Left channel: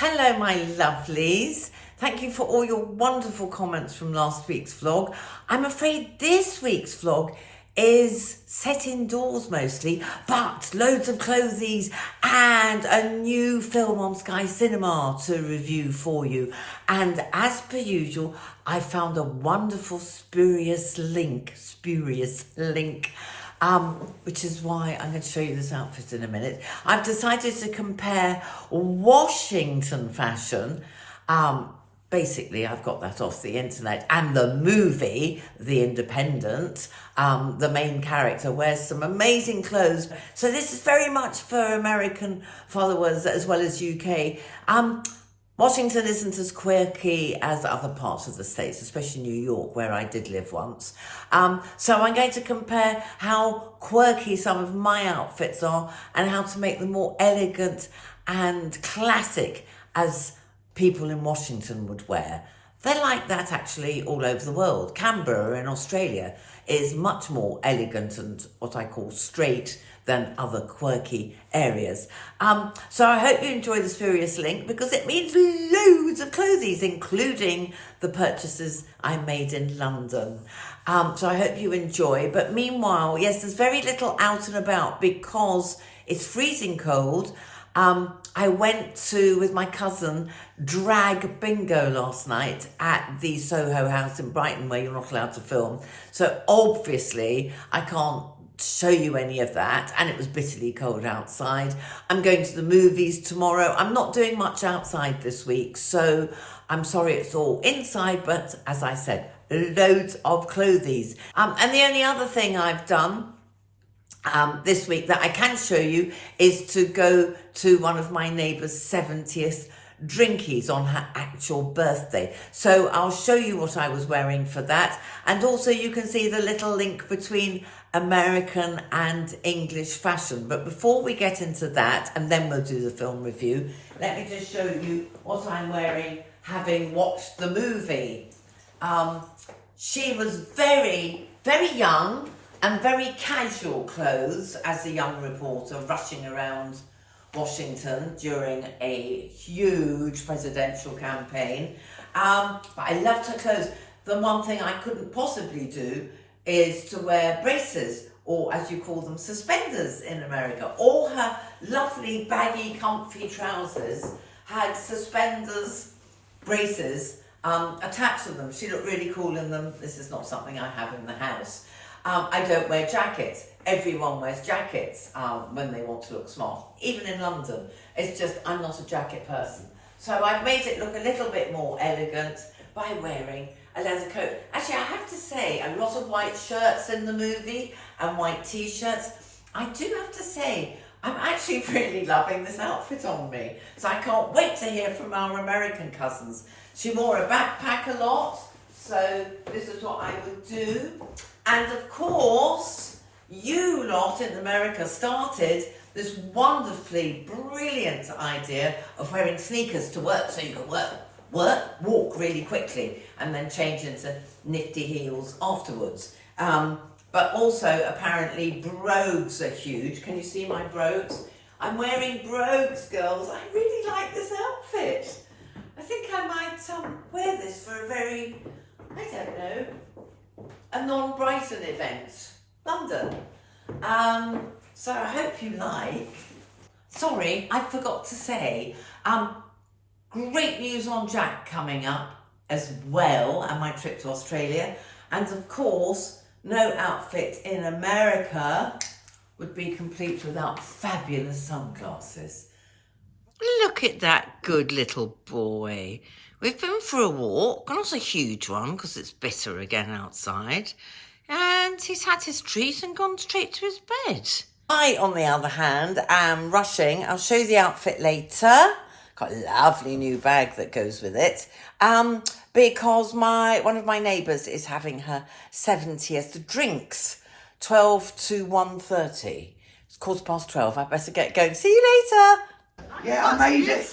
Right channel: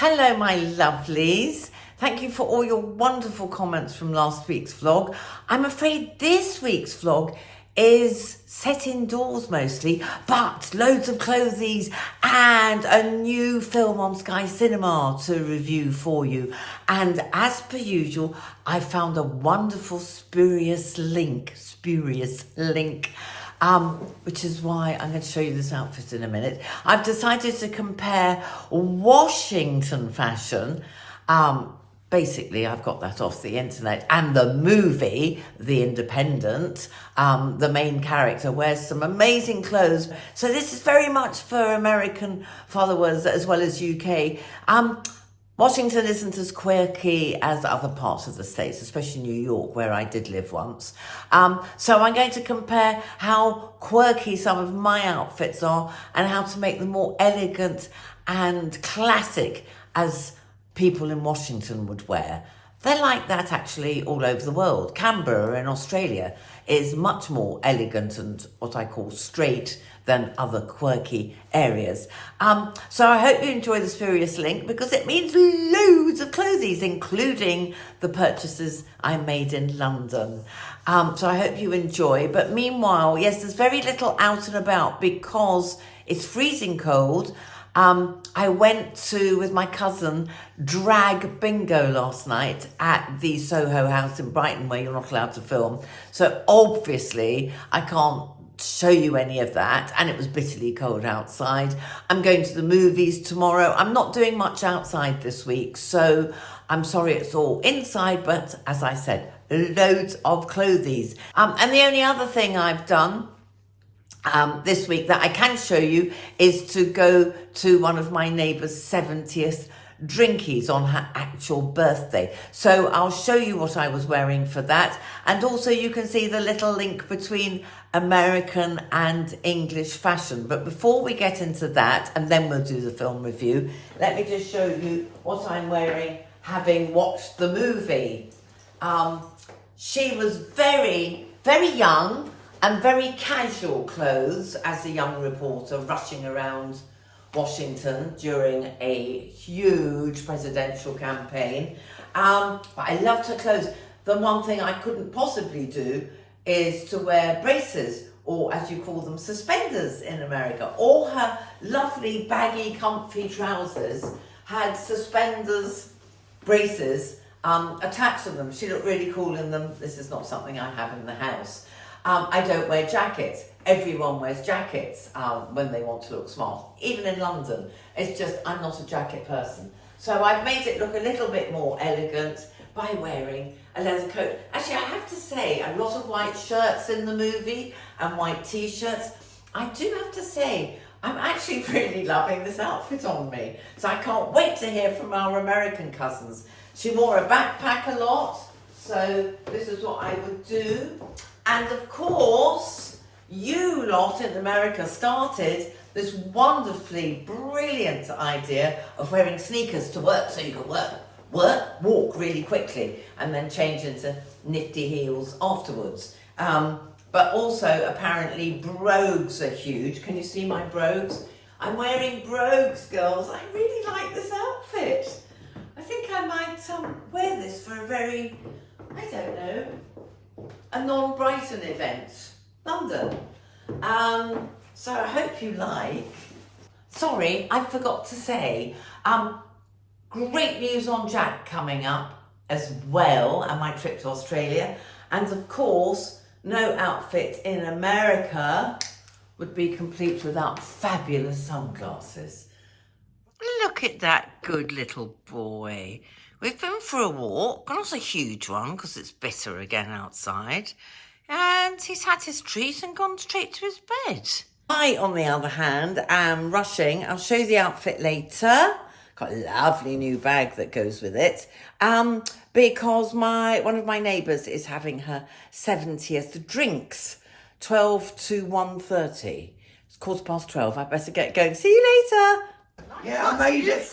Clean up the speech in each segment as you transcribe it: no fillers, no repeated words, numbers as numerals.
Hello, my lovelies. Thank you for all your wonderful comments from last week's vlog. I'm afraid this week's vlog is set indoors mostly, but loads of clothies and a new film on Sky Cinema to review for you. And as per usual, I found a wonderful spurious link, which is why I'm going to show you this outfit in a minute. I've decided to compare Washington fashion, basically I've got that off the internet, and the movie, The Independent. The main character wears some amazing clothes. So this is very much for American followers as well as UK. Washington isn't as quirky as other parts of the States, especially New York, where I did live once. So I'm going to compare how quirky some of my outfits are and how to make them more elegant and classic as people in Washington would wear. They're like that actually all over the world. Canberra in Australia is much more elegant and what I call straight than other quirky areas. So I hope you enjoy the spurious link because it means loads of clothes, including the purchases I made in London. So I hope you enjoy. But meanwhile, yes, there's very little out and about because it's freezing cold. I went to, with my cousin, drag bingo last night at the Soho House in Brighton, where you're not allowed to film. So obviously I can't show you any of that, and it was bitterly cold outside. I'm going to the movies tomorrow. I'm not doing much outside this week, so I'm sorry it's all inside, but as I said, loads of clothes. And the only other thing I've done this week that I can show you is to go to one of my neighbour's 70th drinkies on her actual birthday. So I'll show you what I was wearing for that, and also you can see the little link between American and English fashion. But before we get into that, and then we'll do the film review, let me just show you what I'm wearing having watched the movie. She was very, very young and very casual clothes as a young reporter rushing around Washington during a huge presidential campaign. But I loved her clothes. The one thing I couldn't possibly do is to wear braces, or as you call them, suspenders in America. All her lovely baggy comfy trousers had suspenders, braces attached to them. She looked really cool in them. This is not something I have in the house. I don't wear jackets. Everyone wears jackets when they want to look smart, even in London. It's just I'm not a jacket person. So I've made it look a little bit more elegant by wearing a leather coat. Actually, I have to say, a lot of white shirts in the movie and white t-shirts. I do have to say, I'm actually really loving this outfit on me. So I can't wait to hear from our American cousins. She wore a backpack a lot, so this is what I would do. And of course, you lot in America started this wonderfully brilliant idea of wearing sneakers to work so you can walk really quickly and then change into nifty heels afterwards. But also apparently brogues are huge. Can you see my brogues? I'm wearing brogues, girls. I really like this outfit. I think I might wear this for a very, I don't know, a non-Brighton event, London. So I hope you like. Sorry, I forgot to say, great news on Jack coming up as well, and my trip to Australia. And of course, no outfit in America would be complete without fabulous sunglasses. Look at that good little boy. We've been for a walk, not a huge one because it's bitter again outside, and he's had his treat and gone straight to his bed. I, on the other hand, am rushing. I'll show you the outfit later. Got a lovely new bag that goes with it, because one of my neighbours is having her 70th drinks, 12 to 1:30. It's 12:15. I better get going. See you later. Yeah, I made it.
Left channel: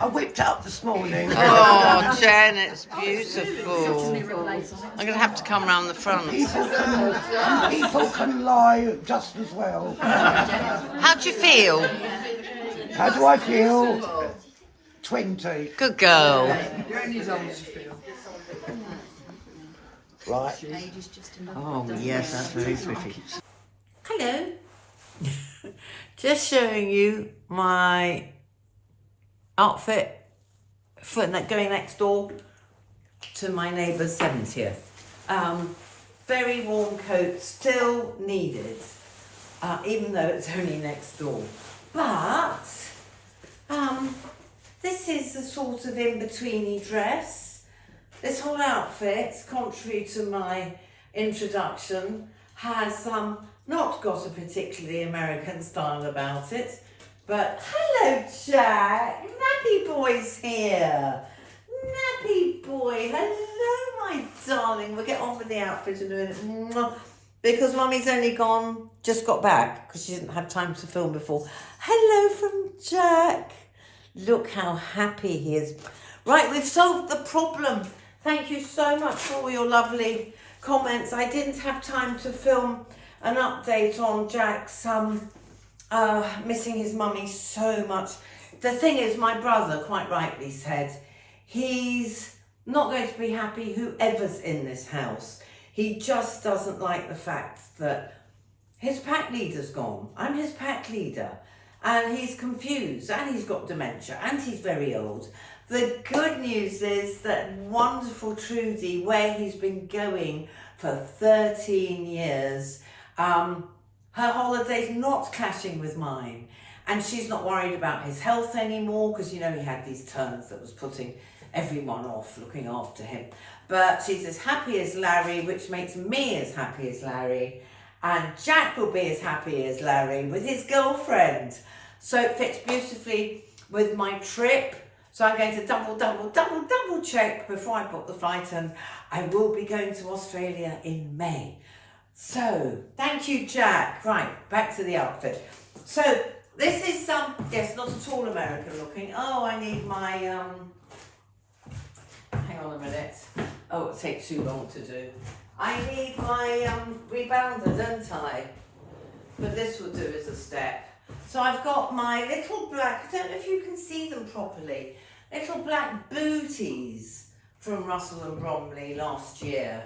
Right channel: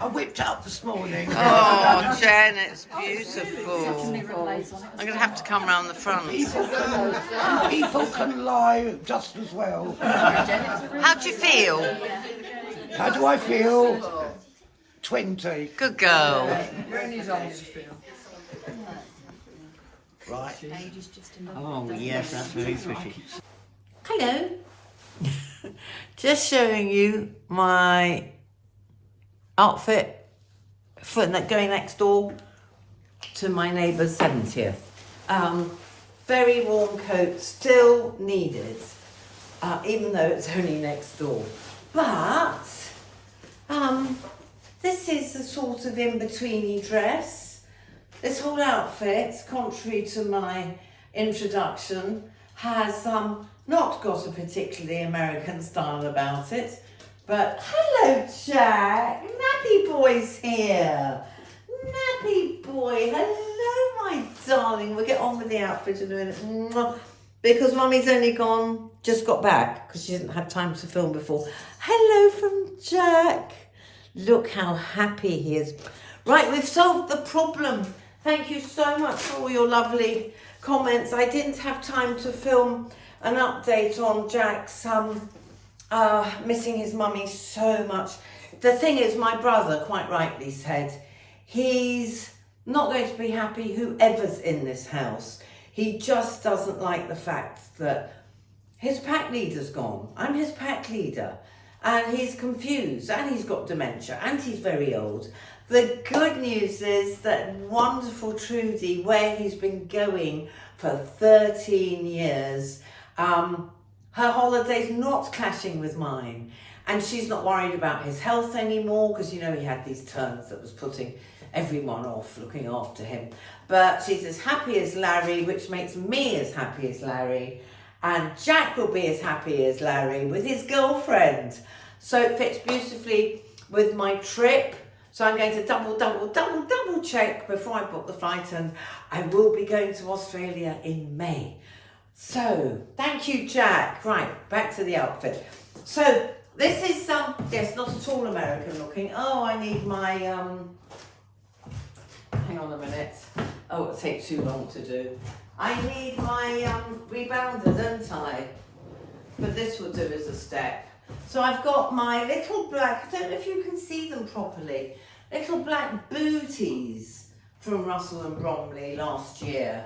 I whipped it up this morning. Oh, Jen, it's beautiful. I'm going to have to come round the front. People can lie just as well. How do you feel? How do I feel? 20. Good girl. You're only as old as you feel. Right. Oh, yes, that's very pretty. Hello. Just showing you my outfit for going next door to my neighbour's 70th. Very warm coat, still needed, even though it's only next door. But this is the sort of in-betweeny dress. This whole outfit, contrary to my introduction, has not got a particularly American style about it. But hello, Jack. Nappy boy's here. Nappy boy. Hello, my darling. We'll get on with the outfit in a minute. Mwah. Because Mummy's only just got back because she didn't have time to film before. Hello from Jack. Look how happy he is. Right, we've solved the problem. Thank you so much for all your lovely comments. I didn't have time to film an update on Jack's missing his mummy so much. The thing is, my brother quite rightly said he's not going to be happy whoever's in this house. He just doesn't like the fact that his pack leader's gone. I'm his pack leader. And he's confused, and he's got dementia, and he's very old. The good news is that wonderful Trudy, where he's been going for 13 years, her holiday's not clashing with mine. And she's not worried about his health anymore, because, you know, he had these turns that was putting everyone off looking after him. But she's as happy as Larry, which makes me as happy as Larry. And Jack will be as happy as Larry with his girlfriend. So it fits beautifully with my trip. So I'm going to double check before I book the flight, and I will be going to Australia in May. So thank you, Jack. Right, back to the outfit. So this is yes, not at all American looking. Oh, I need my hang on a minute. Oh, it'll take too long to do. I need my rebounder, don't I? But this will do as a step. So I've got my little black, I don't know if you can see them properly, little black booties from Russell Bromley last year.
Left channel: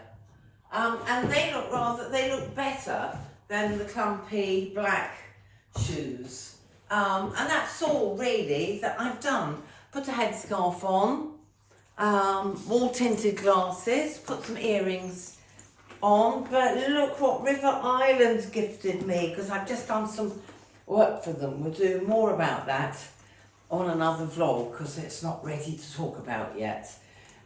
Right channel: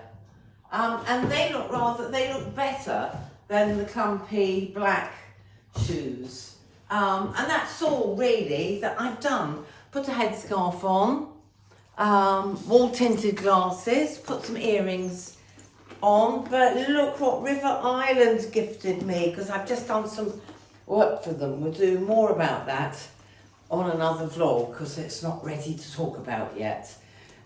And they look better than the clumpy black shoes. And that's all really that I've done. Put a headscarf on, wall tinted glasses, put some earrings on, but look what River Island gifted me, because I've just done some work for them. We'll do more about that on another vlog because it's not ready to talk about yet.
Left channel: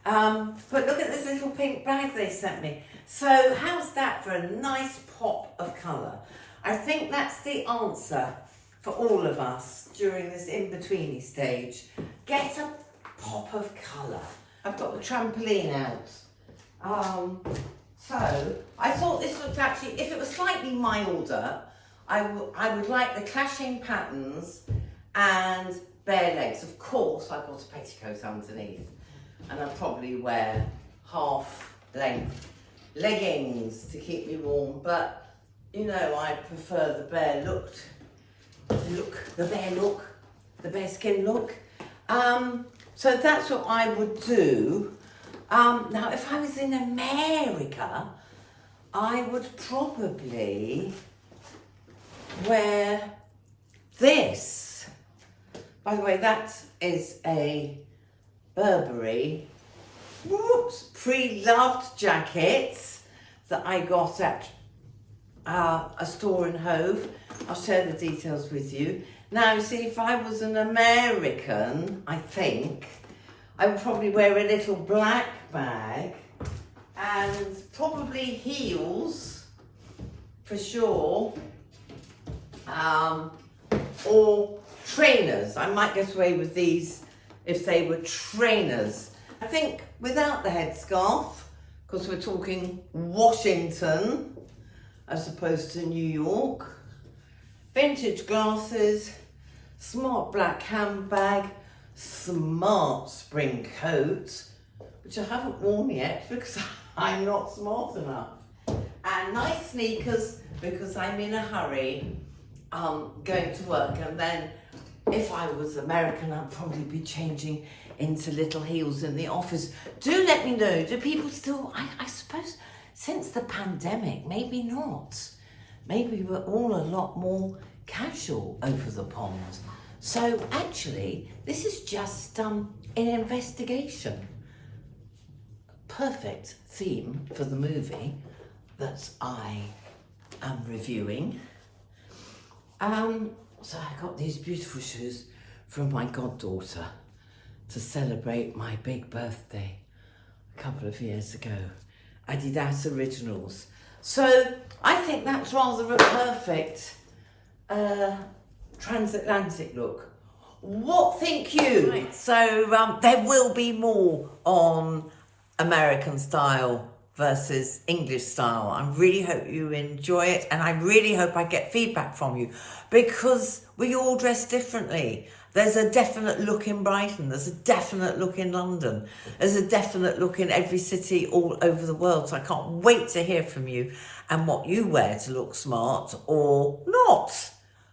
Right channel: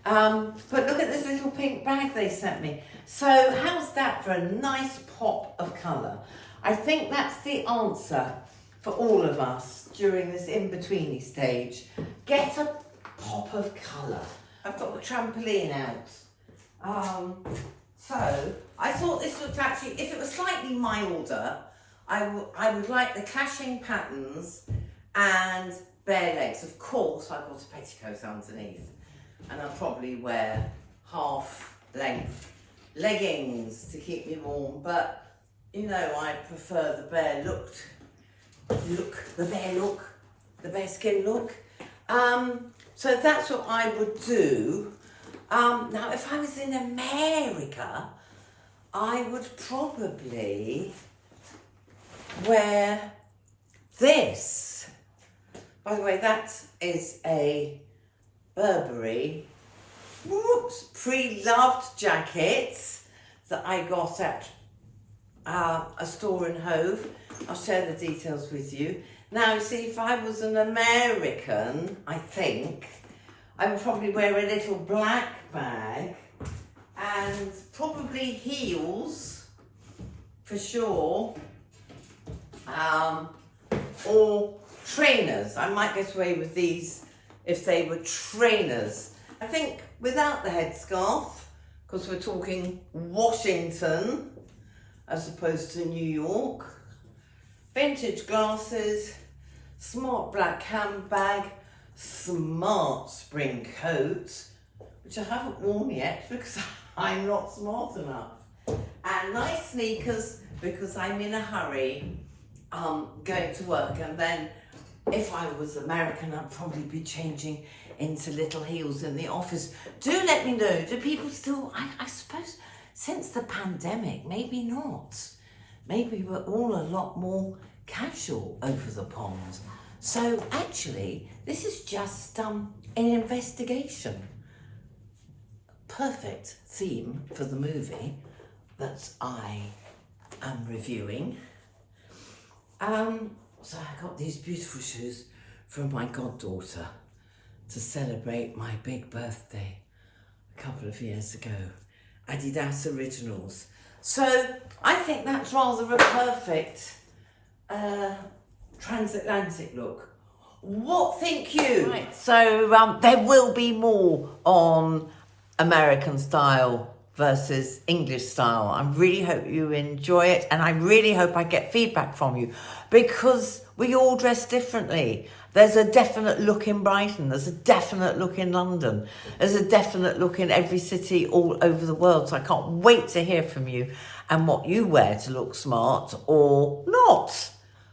But look at this little pink bag they sent me. So how's that for a nice pop of colour? I think that's the answer for all of us during this in-betweeny stage. Get a pop of colour. I've got the trampoline out. So I thought this looked actually, if it was slightly milder, I would like the clashing patterns and bare legs. Of course, I've got a petticoat underneath, and I'll probably wear half-length leggings to keep me warm. But you know, I prefer the bare the bare skin look. So that's what I would do. Now, if I was in America, I would probably wear this. By the way, that is a Burberry Preloved jacket that I got at a store in Hove. I'll share the details with you. Now, see, if I was an American, I think I would probably wear a little black bag and probably heels for sure. Or trainers. I might get away with these if they were trainers. I think without the headscarf, because we're talking Washington as opposed to New York. Vintage glasses, smart black handbag, smart spring coat, which I haven't worn yet because I'm not smart enough. And nice sneakers because I'm in a hurry going to work, and then if I was American, I'd probably be changing into little heels in the office. Do let me know, do people still, I suppose, since the pandemic, maybe not. Maybe we're all a lot more casual over the pond. So actually, this is just an investigation. Perfect theme for the movie that I am reviewing. So I got these beautiful shoes from my goddaughter to celebrate my big birthday a couple of years ago. Adidas Originals. So I think that's rather a perfect transatlantic look. What think you? Right, so there will be more on American style versus English style. I really hope you enjoy it, and I really hope I get feedback from you, because we all dress differently. There's a definite look in Brighton, there's a definite look in London, there's a definite look in every city all over the world. So I can't wait to hear from you and what you wear to look smart or not.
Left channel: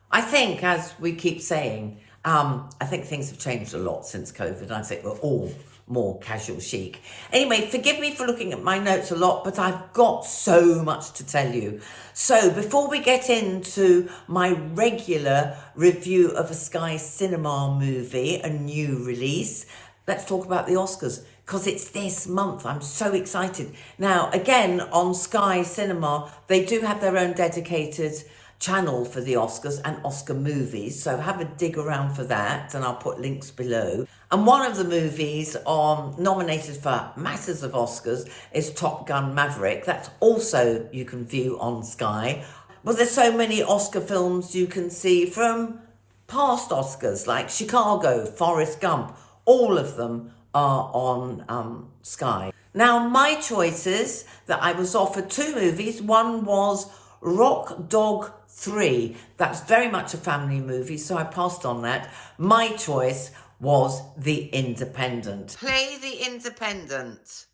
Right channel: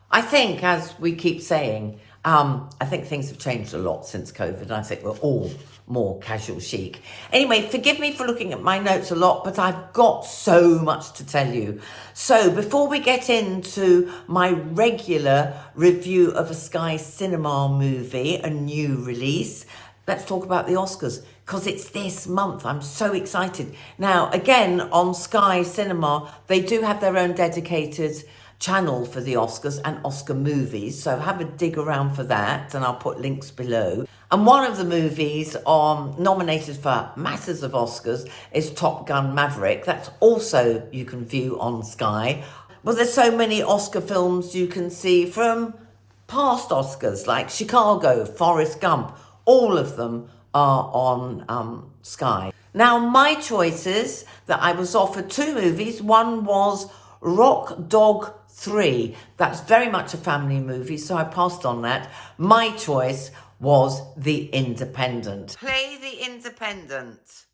I think, as we keep saying, I think things have changed a lot since COVID. I think we're all more casual chic. Anyway, forgive me for looking at my notes a lot, but I've got so much to tell you. So before we get into my regular review of a Sky Cinema movie, a new release, let's talk about the Oscars, because it's this month. I'm so excited. Now, again, on Sky Cinema, they do have their own dedicated channel for the Oscars and Oscar movies, so have a dig around for that, and I'll put links below. And one of the movies nominated for masses of Oscars is Top Gun Maverick. That's also you can view on Sky. Well, there's so many Oscar films you can see from past Oscars, like Chicago, Forrest Gump. All of them are on Sky. Now, my choices that I was offered, two movies. One was Rock Dog 3. That's very much a family movie, so I passed on that. My choice was The Independent. Play The Independent.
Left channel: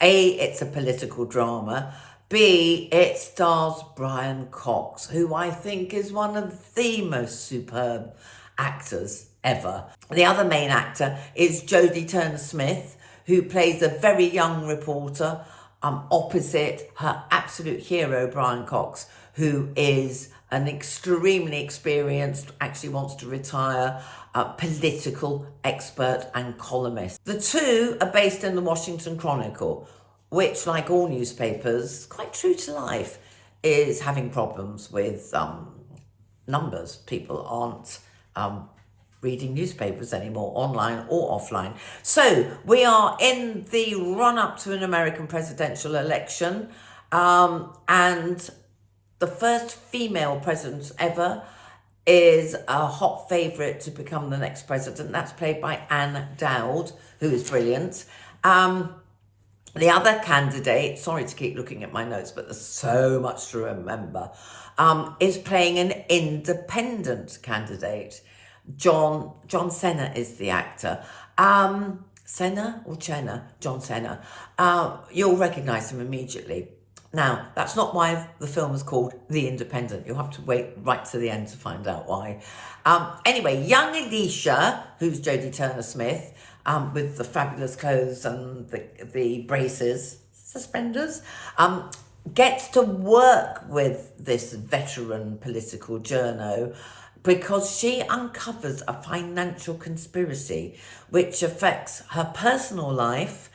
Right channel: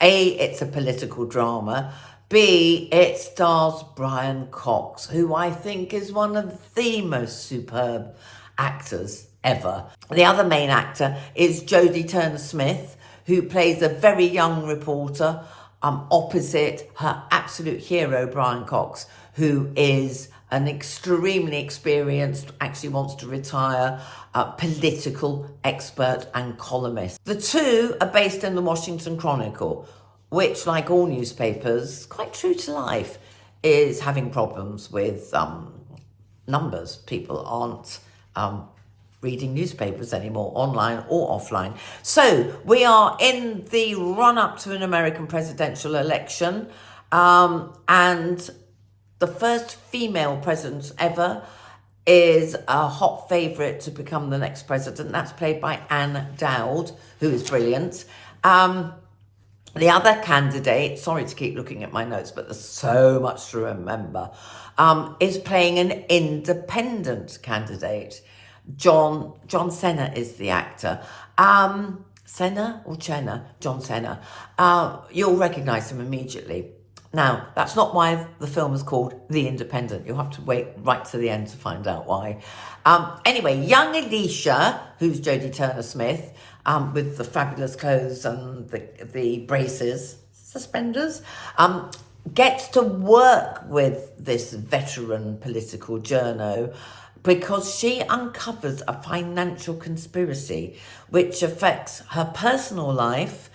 A, it's a political drama. B, it stars Brian Cox, who I think is one of the most superb actors ever. The other main actor is Jodie Turner-Smith, who plays a very young reporter opposite her absolute hero, Brian Cox, who is an extremely experienced, actually wants to retire, political expert and columnist. The two are based in the Washington Chronicle, which, like all newspapers, quite true to life, is having problems with numbers. People aren't reading newspapers anymore, online or offline. So we are in the run-up to an American presidential election, and the first female president ever is a hot favourite to become the next president. That's played by Ann Dowd, who is brilliant. The other candidate, sorry to keep looking at my notes, but there's so much to remember, is playing an independent candidate. John Cena is the actor. Senna or Chenna? John Cena. You'll recognise him immediately. Now, that's not why the film is called The Independent. You'll have to wait right to the end to find out why. Anyway, young Alicia, who's Jodie Turner-Smith, with the fabulous clothes and the braces, suspenders, gets to work with this veteran political journo because she uncovers a financial conspiracy which affects her personal life,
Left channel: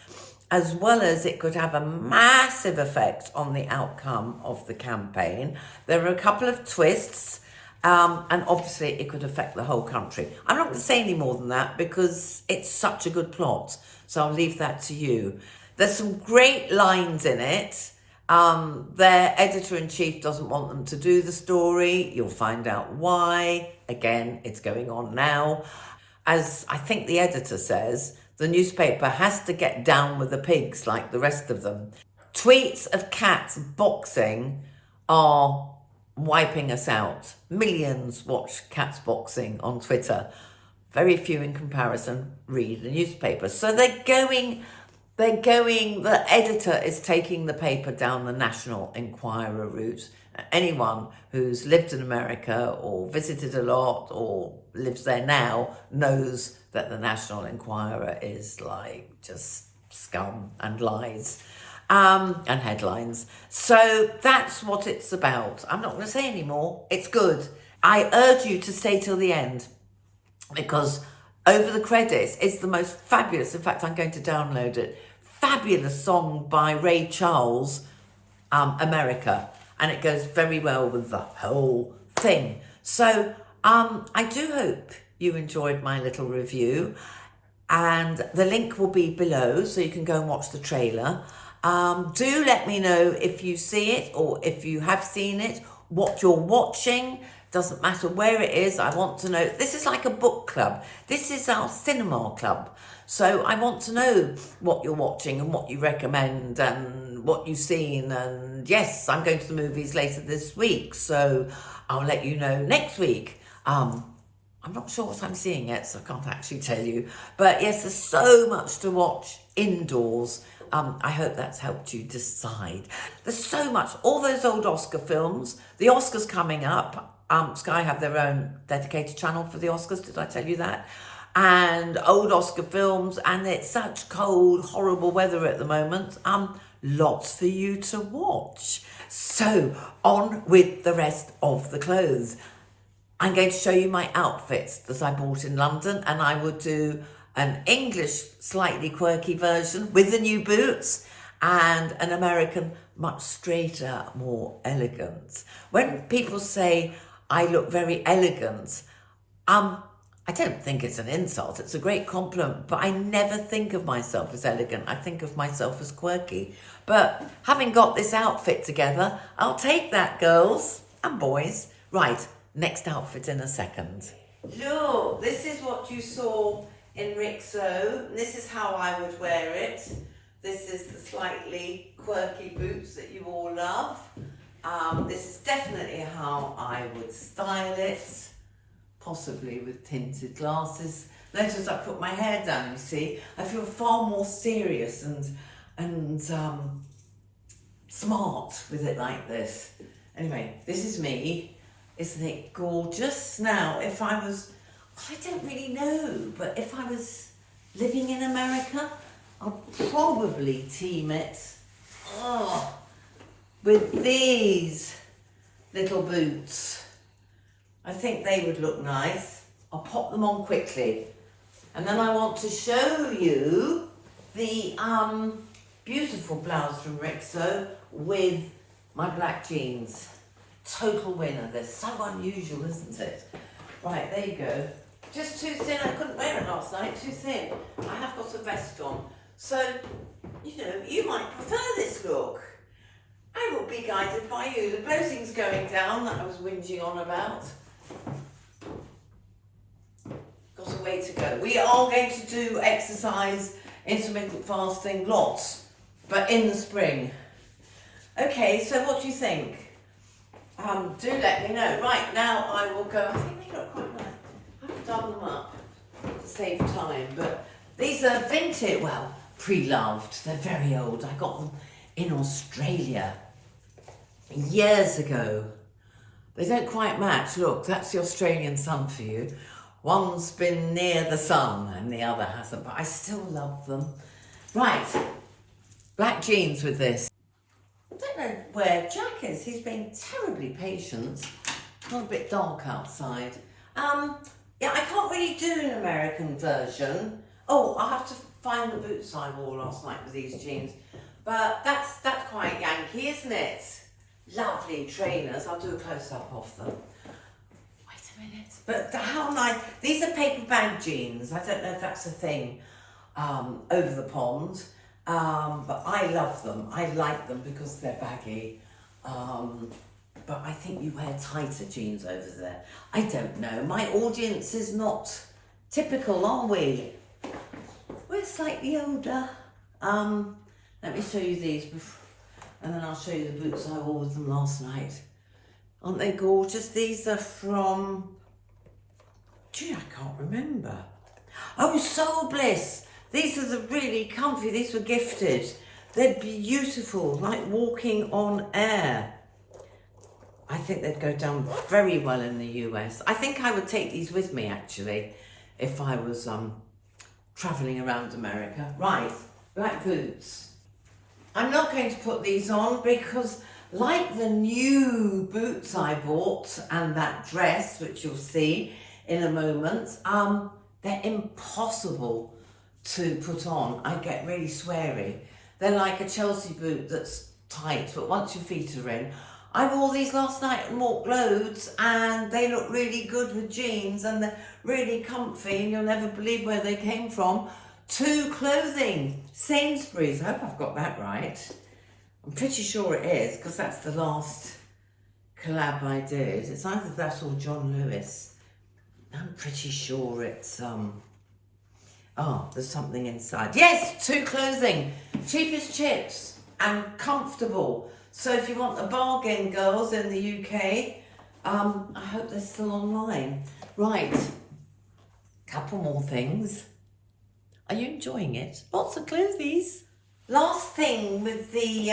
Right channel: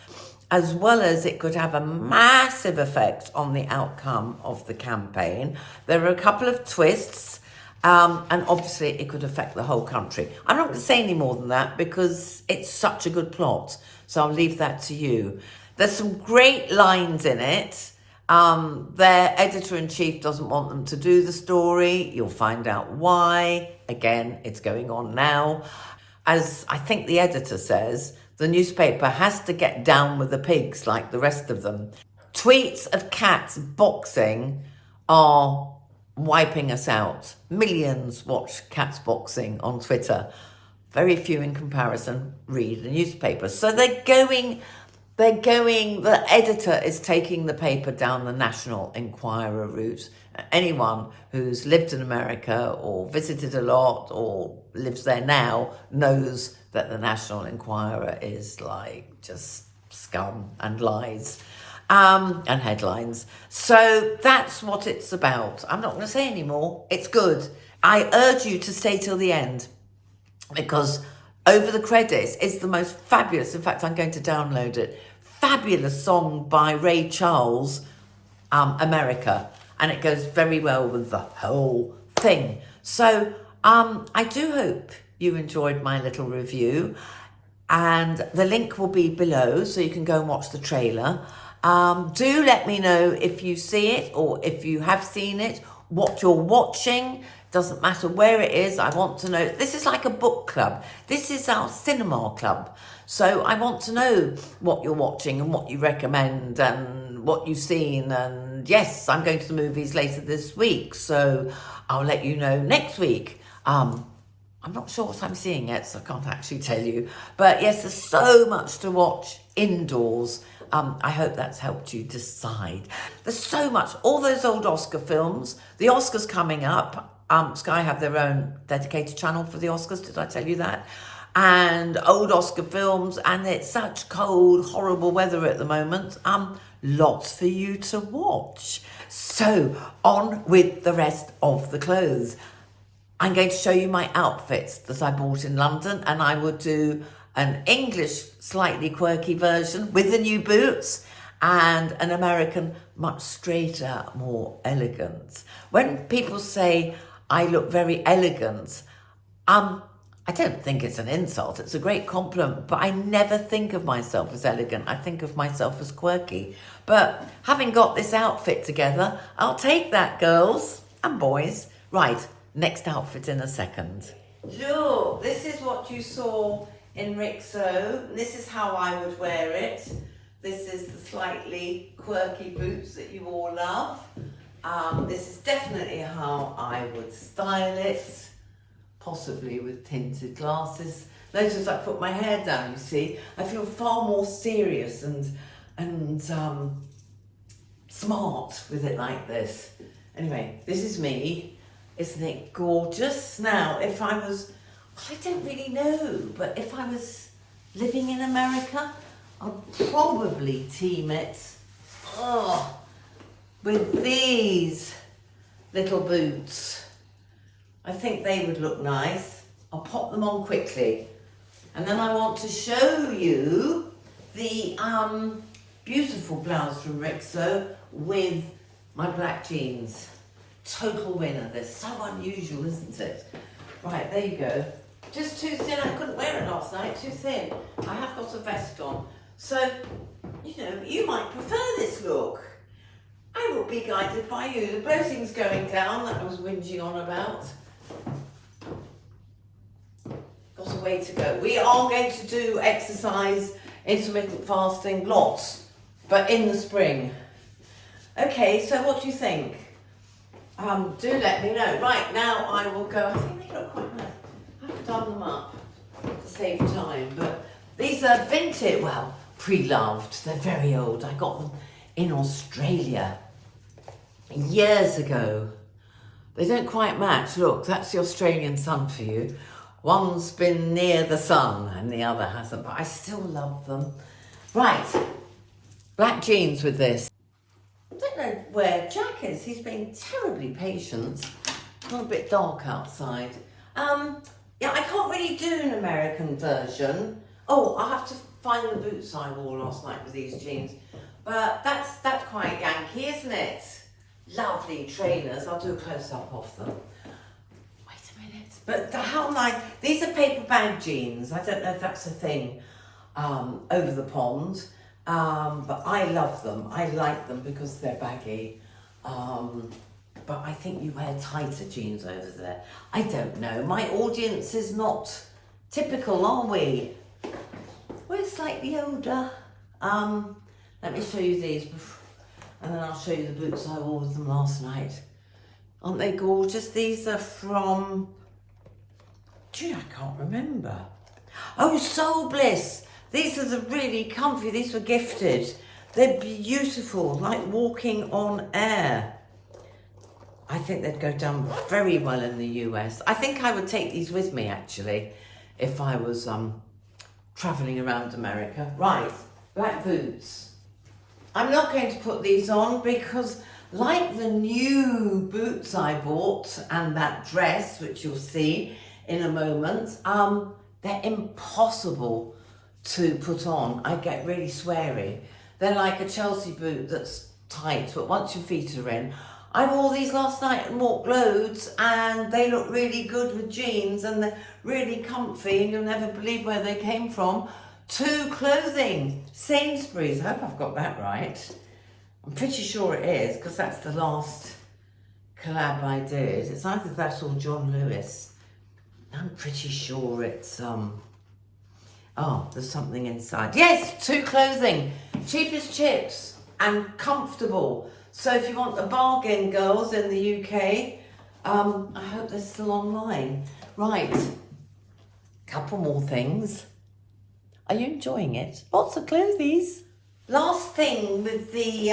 as well as it could have a massive effect on the outcome of the campaign. There are a couple of twists, and obviously it could affect the whole country. I'm not going to say any more than that because it's such a good plot, so I'll leave that to you. There's some great lines in it. Their editor-in-chief doesn't want them to do the story. You'll find out why. Again, it's going on now. As I think the editor says, the newspaper has to get down with the pigs like the rest of them. Tweets of cats boxing are wiping us out. Millions watch cats boxing on Twitter. Very few in comparison read the newspaper. So they're going the editor is taking the paper down the National Enquirer route. Anyone who's lived in America or visited a lot or lives there now knows that the National Enquirer is like just scum and lies and headlines. So that's what it's about. I'm not going to say any more. It's good. I urge you to stay till the end because over the credits is the most fabulous, in fact, I'm going to download it, fabulous song by Ray Charles, America. And it goes very well with the whole thing. So I do hope you enjoyed my little review. And the link will be below so you can go and watch the trailer. Do let me know if you see it or if you have seen it, what you're watching. Doesn't matter where it is. I want to know. This is like a book club. This is our cinema club. So I want to know what you're watching and what you recommend and what you've seen. And yes, I'm going to the movies later this week. So I'll let you know next week. I'm not sure what I'm seeing yet, so I can't actually tell you. But yes, there's so much to watch indoors. I hope that's helped you decide. There's so much. All those old Oscar films. The Oscars coming up. Sky have their own dedicated channel for the Oscars. Did I tell you that? And old Oscar films. And it's such cold, horrible weather at the moment. Lots for you to watch. So on with the rest of the clothes. I'm going to show you my outfits that I bought in London, and I would do an English slightly quirky version with the new boots and an American much straighter, more elegant. When people say I look very elegant, I don't think it's an insult. It's a great compliment, but I never think of myself as elegant. I think of myself as quirky. But having got this outfit together, I'll take that, girls and boys. Right. Next outfit in a second. Look, this is what you saw in RIXO. This is how I would wear it. This is the slightly quirky boots that you all love. This is definitely how I would style it, possibly with tinted glasses. Notice I put my hair down, you see. I feel far more serious and smart with it like this. Anyway, this is me. Isn't it gorgeous? Now, if I was, well, I don't really know, but if I was living in America, I'd probably team it with these little boots. I think they would look nice. I'll pop them on quickly. And then I want to show you the beautiful blouse from RIXO with my black jeans. Total winner. They're so unusual, isn't it? Right, there you go. Just too thin. I couldn't wear it last night. Too thin. I have got a vest on. So, you know, you might prefer this look. I will be guided by you. The bloating's going down that I was whinging on about. Got a way to go. We are going to do exercise, intermittent fasting, lots, but in the spring. Okay, so what do you think? Do let me know. Right, now I will go. I think they look quite nice. I have to down them up to save time. But these are vintage, well, pre-loved. They're very old. I got them in Australia years ago. They don't quite match. Look, that's the Australian sun for you. One's been near the sun and the other hasn't, but I still love them. Right, black jeans with this. I don't know where Jack is. He's been terribly patient. It's got a bit dark outside. Yeah, I can't really do an American version. Oh, I'll have to find the boots I wore last night with these jeans. But that's quite Yankee, isn't it? Lovely trainers. I'll do a close-up of them. Wait a minute. But how nice. These are paper bag jeans. I don't know if that's a thing over the pond. But I love them. I like them because they're baggy. But I think you wear tighter jeans over there. I don't know. My audience is not typical, are we? We're slightly older. Let me show you these, and then I'll show you the boots I wore with them last night. Aren't they gorgeous? These are from, gee, I can't remember. Oh, Soul Bliss. These are the really comfy, these were gifted. They're beautiful, like walking on air. I think they'd go down very well in the US. I think I would take these with me actually, if I was traveling around America. Right, black boots. I'm not going to put these on because like the new boots I bought and that dress, which you'll see in a moment, they're impossible to put on. I get really sweary. They're like a Chelsea boot that's tight, but once your feet are in. I wore these last night and walked loads and they look really good with jeans and they're really comfy and you'll never believe where they came from. To clothing, Sainsbury's. I hope I've got that right. I'm pretty sure it is because that's the last collab I did. It's either that or John Lewis. I'm pretty sure it's, oh, there's something inside. Yes, To clothing, cheap as chips and comfortable. So if you want a bargain, girls, in the UK, I hope they're still online. Right, couple more things. Are you enjoying it? Lots of clothes. Last thing with the,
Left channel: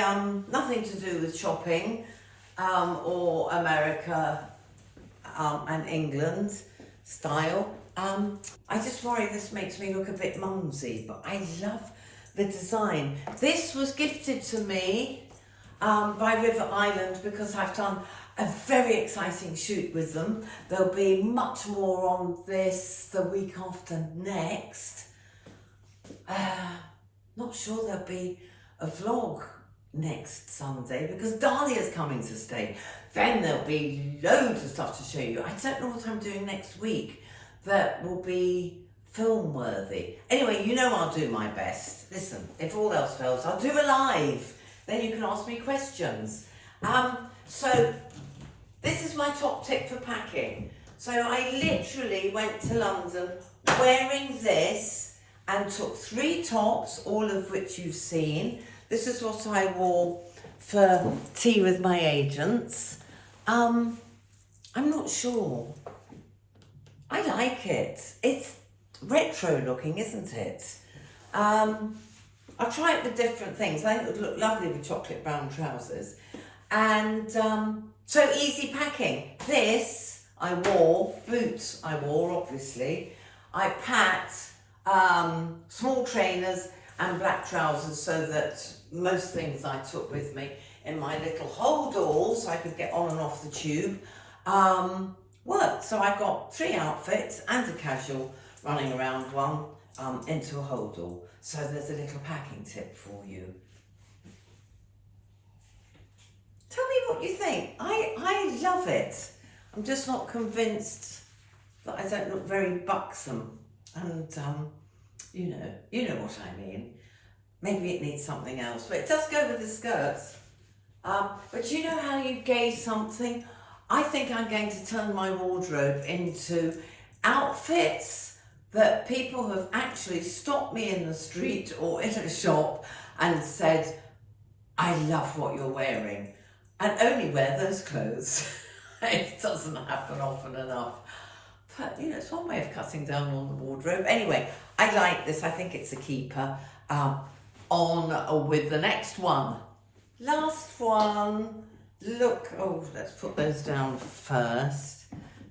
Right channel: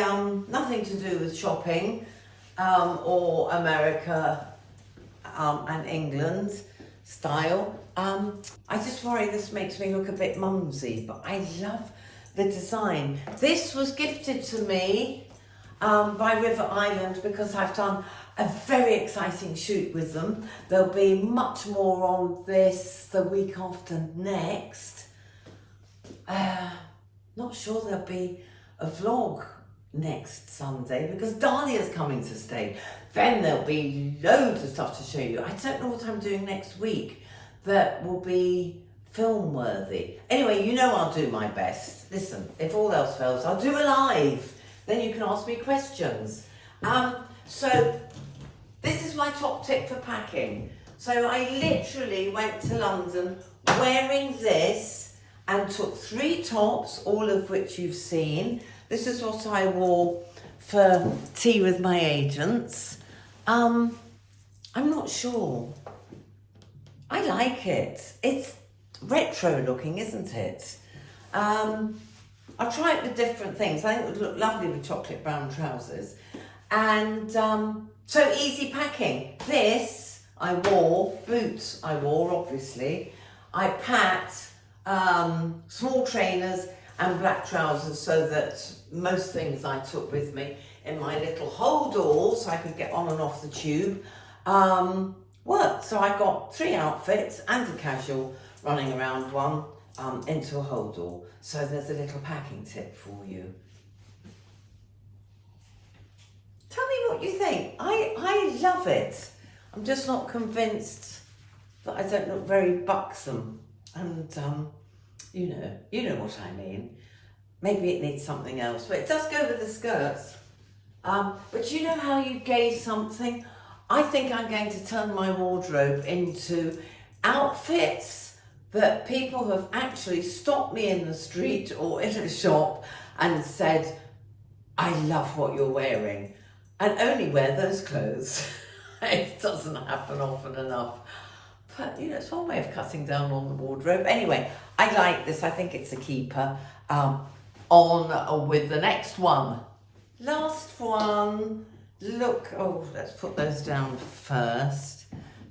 nothing to do with shopping or America and England style. I just worry this makes me look a bit mumsy, but I love the design. This was gifted to me by River Island because I've done a very exciting shoot with them. There'll be much more on this the week after next. Not sure there'll be a vlog next Sunday because Dahlia's coming to stay. Then there'll be loads of stuff to show you. I don't know what I'm doing next week that will be film worthy. Anyway, you know I'll do my best. Listen, if all else fails, I'll do a live. Then you can ask me questions. So this is my top tip for packing. So I literally went to London wearing this and took 3 tops, all of which you've seen. This is what I wore for tea with my agents. I'm not sure. I like it. It's retro looking, isn't it? I'll try it with different things. I think it would look lovely with chocolate brown trousers. And so easy packing. This I wore, boots I wore obviously. I packed small trainers and black trousers so that most things I took with me in my little hold-all so I could get on and off the tube worked. So I got 3 outfits and a casual running around one into a hold-all. So there's a little packing tip for you. Tell me what you think. I love it. I'm just not convinced that I don't look very buxom. And you know what I mean. Maybe it needs something else, but it does go with the skirts. But you know how you gauge something? I think I'm going to turn my wardrobe into outfits that people have actually stopped me in the street or in a shop and said, I love what you're wearing, and only wear those clothes. It doesn't happen often enough. But, you know, it's one way of cutting down on the wardrobe. Anyway, I like this. I think it's a keeper. On with the next one. Last one. Look, oh, let's put those down first.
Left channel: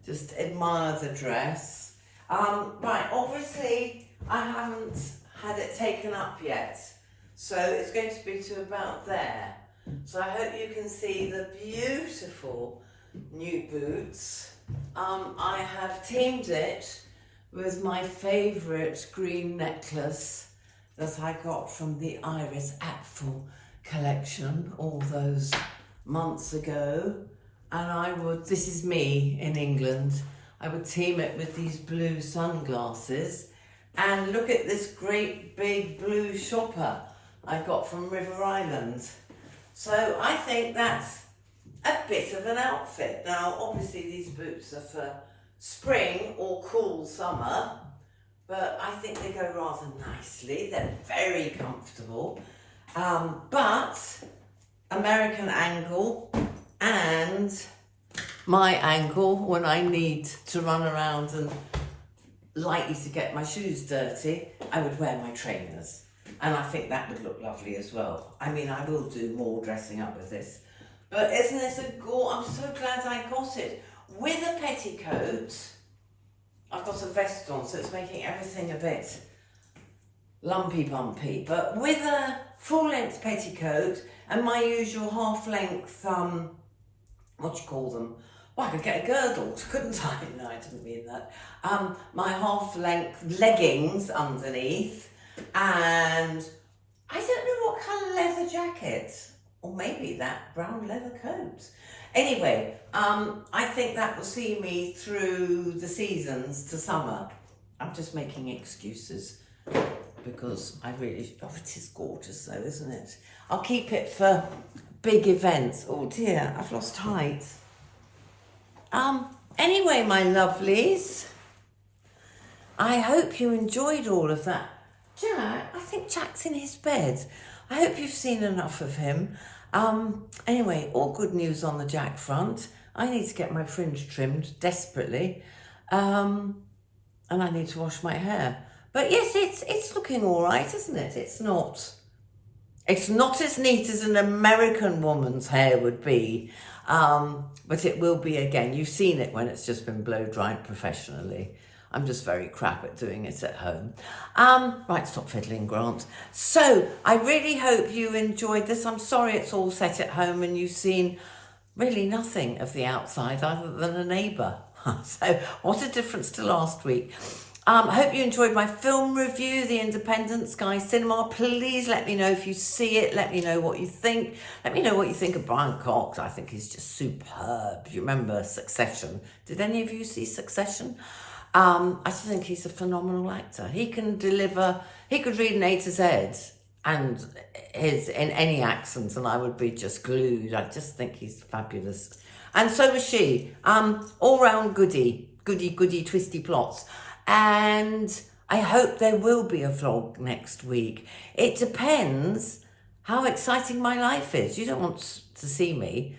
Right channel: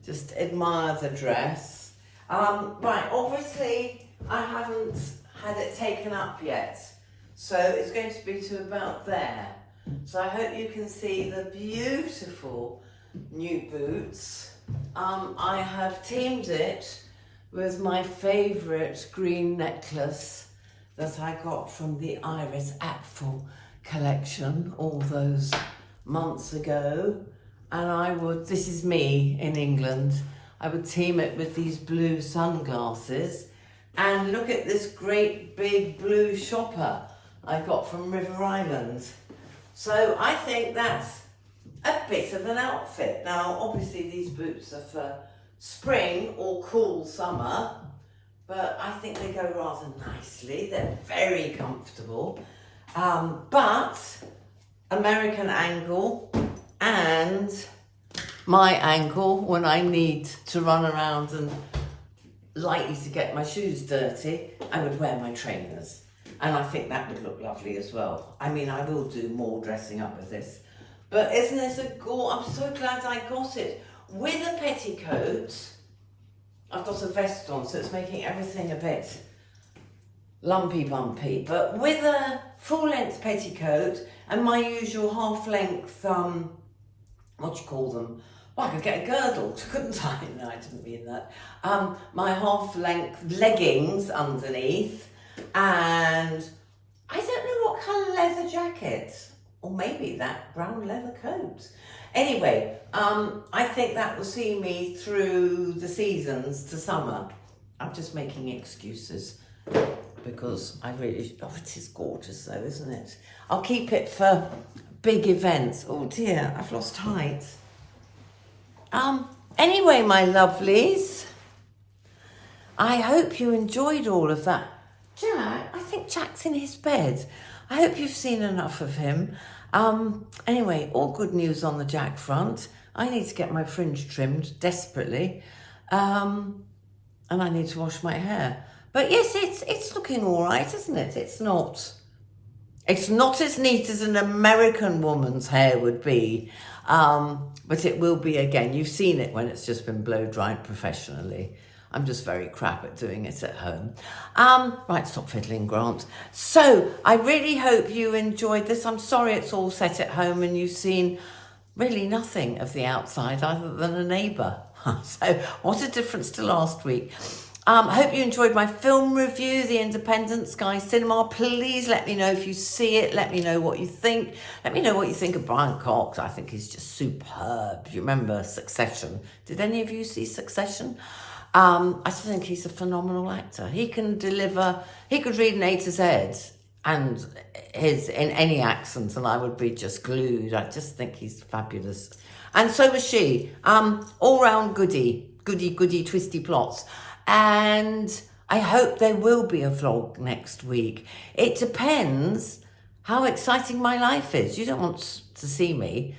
Just admire the dress. Right, obviously, I haven't had it taken up yet. So it's going to be to about there. So I hope you can see the beautiful new boots. I have teamed it with my favourite green necklace that I got from the Iris Apfel collection all those months ago. And this is me in England, I would team it with these blue sunglasses. And look at this great big blue shopper I got from River Island. So I think that's a bit of an outfit. Now, obviously these boots are for spring or cool summer, but I think they go rather nicely. They're very comfortable, but American angle and my angle when I need to run around and likely to get my shoes dirty, I would wear my trainers. And I think that would look lovely as well. I mean, I will do more dressing up with this. But isn't this a I'm so glad I got it. With a petticoat, I've got a vest on, so it's making everything a bit lumpy bumpy. But with a full length petticoat and my usual half length, what do you call them? Well, I could get a girdle, couldn't I? No, I didn't mean that. My half length leggings underneath, and I don't know what colour leather jacket, or maybe that brown leather coat. Anyway, I think that will see me through the seasons to summer. I'm just making excuses because I really, it is gorgeous though, isn't it? I'll keep it for big events. Oh dear, I've lost height. Anyway, my lovelies, I hope you enjoyed all of that. Jack, I think Jack's in his bed. I hope you've seen enough of him. Anyway, all good news on the Jack front. I need to get my fringe trimmed desperately. And I need to wash my hair. But yes, it's looking all right, isn't it? It's not as neat as an American woman's hair would be. But it will be again. You've seen it when it's just been blow dried professionally. I'm just very crap at doing it at home. Right, stop fiddling, Grant. So I really hope you enjoyed this. I'm sorry it's all set at home and you've seen really nothing of the outside other than a neighbour. So what a difference to last week. I hope you enjoyed my film review, The Independent Sky Cinema. Please let me know if you see it. Let me know what you think. Let me know what you think of Brian Cox. I think he's just superb. Do you remember Succession? Did any of you see Succession? I just think he's a phenomenal actor. He can deliver, he could read an A to Z and in any accent and I would be just glued. I just think he's fabulous. And so was she. All round goody, twisty plots. And I hope there will be a vlog next week. It depends how exciting my life is. You don't want to see me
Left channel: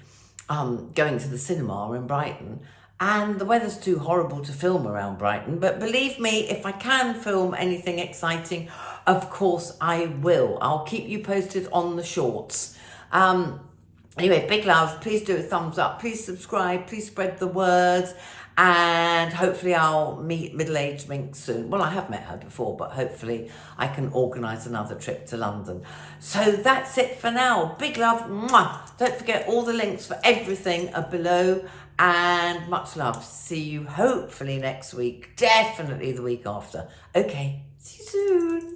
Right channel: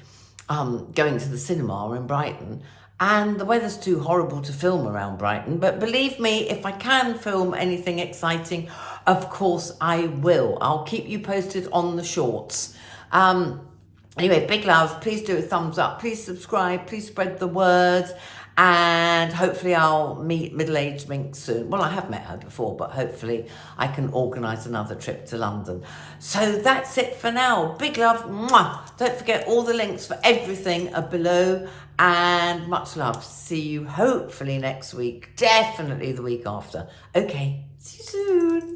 going to the cinema in Brighton. And the weather's too horrible to film around Brighton. But believe me, if I can film anything exciting, of course I will. I'll keep you posted on the shorts. Anyway, big love. Please do a thumbs up. Please subscribe. Please spread the word. And hopefully I'll meet middle-aged Minx soon. Well, I have met her before, but hopefully I can organise another trip to London. So that's it for now. Big love. Mwah. Don't forget all the links for everything are below. And much love. See you hopefully next week. Definitely the week after. Okay, see you soon.